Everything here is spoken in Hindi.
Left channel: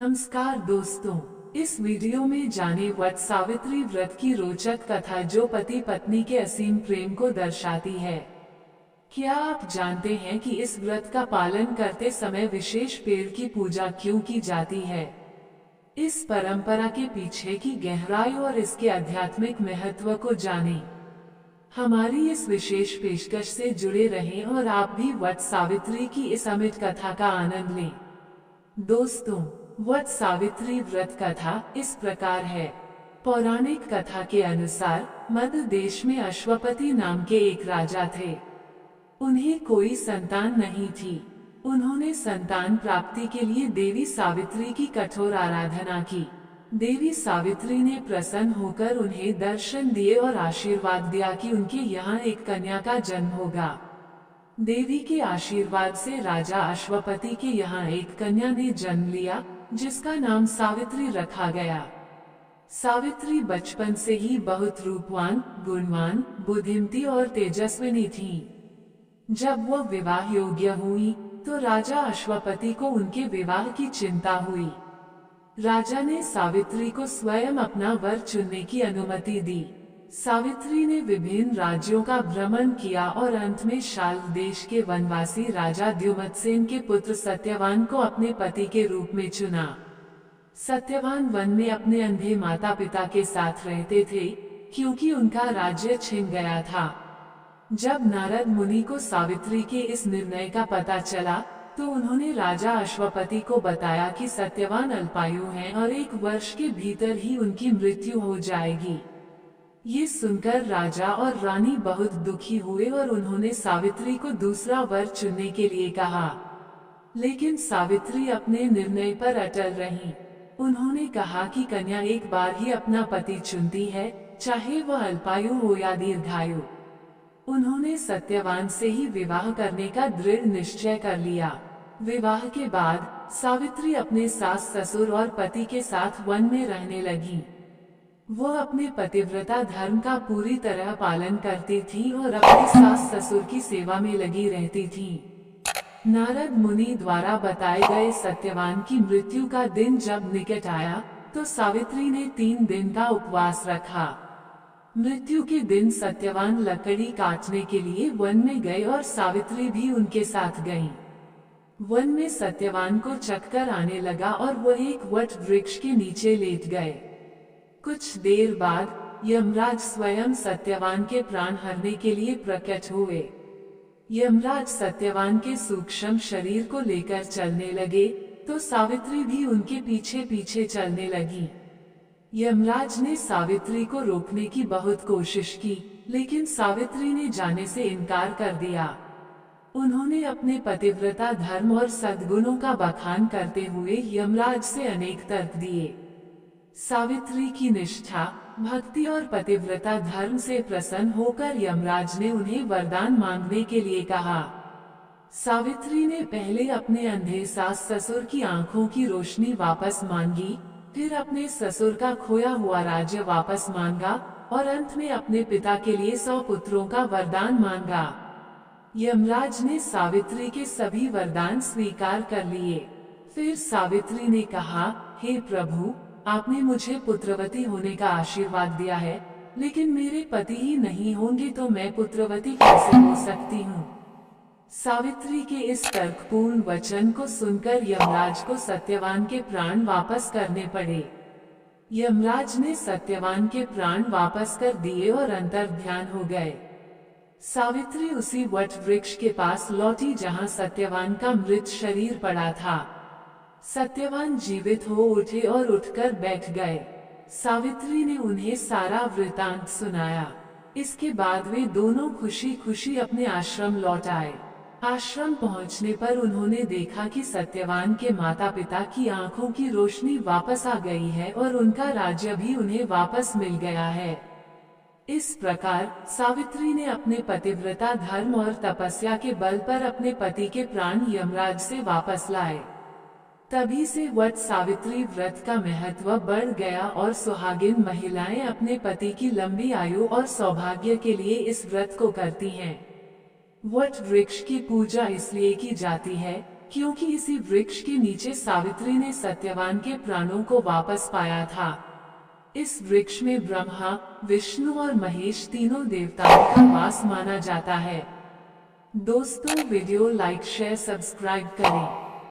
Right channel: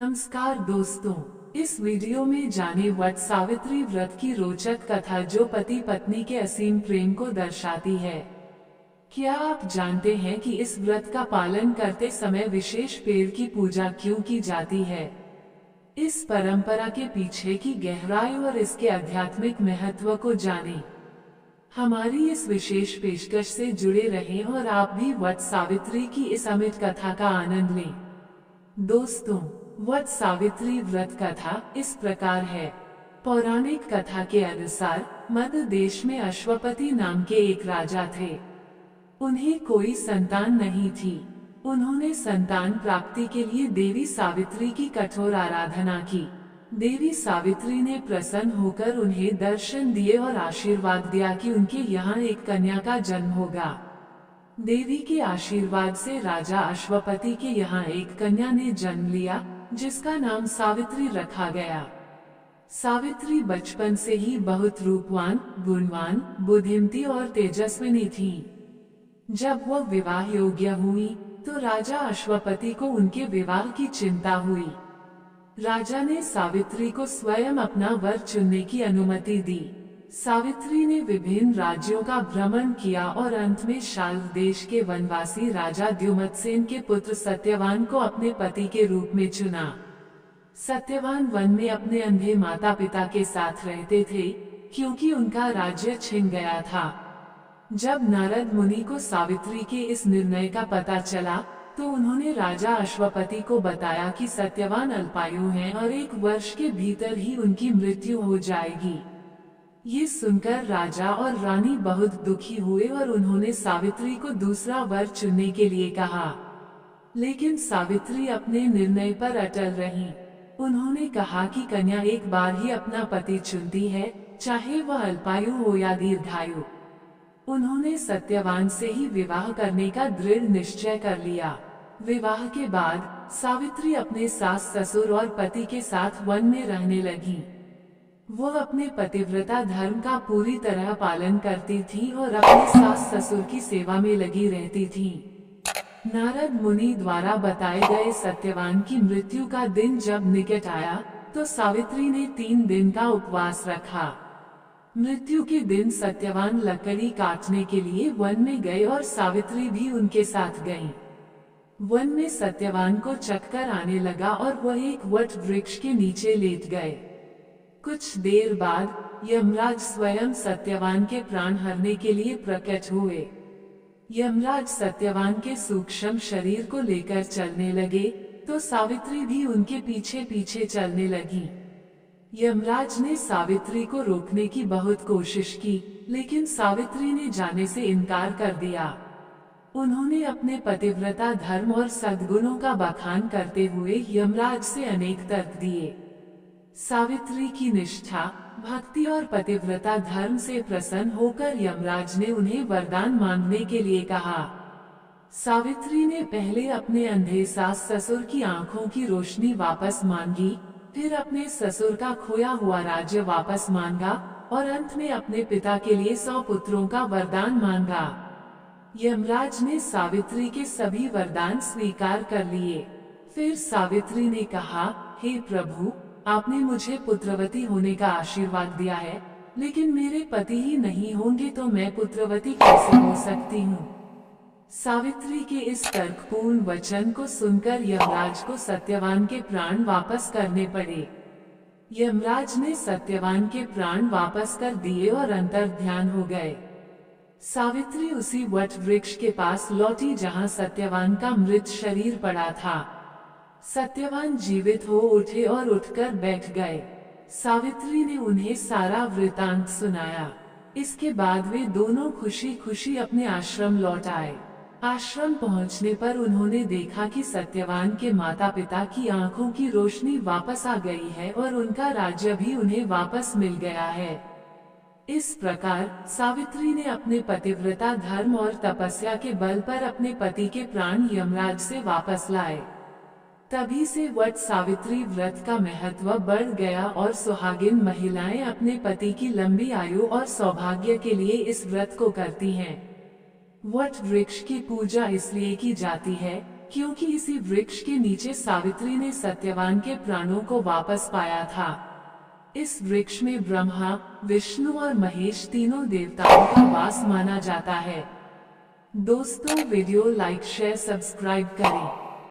नमस्कार दोस्तों, इस वीडियो में जाने वट सावित्री व्रत की रोचक कथा जो पति पत्नी के असीम प्रेम को दर्शाती है। क्या आप जानते हैं कि इस व्रत का पालन करते समय विशेष पेड़ की पूजा क्यों की जाती है? इस परंपरा के पीछे की गहराई और इसके आध्यात्मिक महत्व को जानें। हमारी इस विशेष पेशकश से जुड़े रहें और आप भी वट सावित्री की इस अमिट कथा का आनंद लें। दोस्तों, वट सावित्री व्रत कथा इस प्रकार है। पौराणिक कथा के अनुसार मध्य देश में अश्वपति नाम के एक राजा थे। उन्हें कोई संतान नहीं थी। उन्होंने संतान प्राप्ति के लिए देवी सावित्री की कठोर आराधना की। देवी सावित्री ने प्रसन्न होकर उन्हें दर्शन दिए और आशीर्वाद दिया कि उनके यहाँ एक कन्या का जन्म होगा। देवी के आशीर्वाद से राजा अश्वपति के यहाँ एक कन्या ने जन्म लिया, जिसका नाम सावित्री रखा गया। सावित्री बचपन से ही बहुत रूपवान, गुणवान, बुद्धिमती और तेजस्विनी थी। जब वह विवाह योग्य हुई तो राजा अश्वपति को उनके विवाह की चिंता हुई। राजा ने सावित्री को स्वयं अपना वर चुनने की अनुमति दी। सावित्री ने विभिन्न राज्यों का भ्रमण किया और अंत में शाल्व देश के वनवासी राजा द्युमत्सेन के पुत्र सत्यवान को अपने पति के रूप में चुना। सत्यवान वन में अपने अंधे माता पिता के साथ रहते थे, क्योंकि उनका राज्य छिन गया था। जब नारद मुनि को सावित्री के इस निर्णय का पता चला तो उन्होंने राजा अश्वपति को बताया कि सत्यवान अल्पायु हैं और 1 वर्ष के भीतर ही उनकी मृत्यु हो जाएगी। ये सुनकर राजा और रानी बहुत दुखी हुए और उन्होंने सावित्री को दूसरा वर चुनने के लिए कहा। लेकिन सावित्री अपने निर्णय पर अटल रहीं। उन्होंने कहा कि कन्या एक बार ही अपना पति चुनती है, चाहे वह अल्पायु हो या दीर्घायु। उन्होंने सत्यवान से ही विवाह करने का दृढ़ निश्चय कर लिया। विवाह के बाद सावित्री अपने सास ससुर और पति के साथ वन में रहने लगी। वह अपने पतिव्रता धर्म का पूरी तरह पालन करती थी और अपने सास ससुर की सेवा में लगी रहती थी। नारद मुनि द्वारा बताए गए सत्यवान की मृत्यु का दिन जब निकट आया तो सावित्री ने 3 दिन का उपवास रखा। मृत्यु के दिन सत्यवान लकड़ी काटने के लिए वन में गए और सावित्री भी उनके साथ गईं। वन में सत्यवान को चक्कर आने लगा और वह एक वट वृक्ष के नीचे लेट गए। कुछ देर बाद यमराज स्वयं सत्यवान के प्राण हरने के लिए प्रकट हुए। यमराज सत्यवान के सूक्ष्म शरीर को लेकर चलने लगे तो सावित्री भी उनके पीछे पीछे चलने लगी। यमराज ने सावित्री को रोकने की बहुत कोशिश की, लेकिन सावित्री ने जाने से इनकार कर दिया। उन्होंने अपने पतिव्रता धर्म और सद्गुणों का बखान करते हुए यमराज से अनेक तर्क दिए। सावित्री की निष्ठा, भक्ति और पतिव्रता धर्म से प्रसन्न होकर यमराज ने उन्हें वरदान मांगने के लिए कहा। सावित्री ने पहले अपने अंधे सास ससुर की आंखों की रोशनी वापस मांगी, फिर अपने ससुर का खोया हुआ राज्य वापस मांगा और अंत में अपने पिता के लिए 100 पुत्रों का वरदान मांगा। यमराज ने सावित्री के सभी वरदान स्वीकार कर लिए। फिर सावित्री ने कहा, हे प्रभु, आपने मुझे पुत्रवती होने का आशीर्वाद दिया है, लेकिन मेरे पति ही नहीं होंगे तो मैं पुत्रवती कैसे हो सकती हूँ? सावित्री के इस तर्कपूर्ण वचन को सुनकर यमराज को सत्यवान के प्राण वापस करने पड़े। यमराज ने सत्यवान के प्राण वापस कर दिए और अंतर्ध्यान हो गए। सावित्री उसी वट वृक्ष के पास लौटी जहाँ सत्यवान का मृत शरीर पड़ा था। सत्यवान जीवित हो उठे और उठकर बैठ गए। सावित्री ने उन्हें सारा वृतांत सुनाया। इसके बाद वे दोनों खुशी खुशी अपने आश्रम लौट आए। आश्रम पहुंचने पर उन्होंने देखा कि सत्यवान के माता पिता की आंखों की रोशनी वापस आ गई है और उनका राज्य भी उन्हें वापस मिल गया है। इस प्रकार सावित्री ने अपने पतिव्रता धर्म और तपस्या के बल पर अपने पति के प्राण यमराज से वापस लाए। तभी से वट सावित्री व्रत का महत्व बढ़ गया और सुहागिन महिलाएं अपने पति की लंबी आयु और सौभाग्य के लिए इस व्रत को करती हैं। वट वृक्ष की पूजा इसलिए की जाती है क्योंकि इसी वृक्ष के नीचे सावित्री ने सत्यवान के प्राणों को वापस पाया था। इस वृक्ष में ब्रह्मा, विष्णु और महेश तीनों देवताओं का वास माना जाता है। दोस्तों, वीडियो लाइक शेयर सब्सक्राइब करें।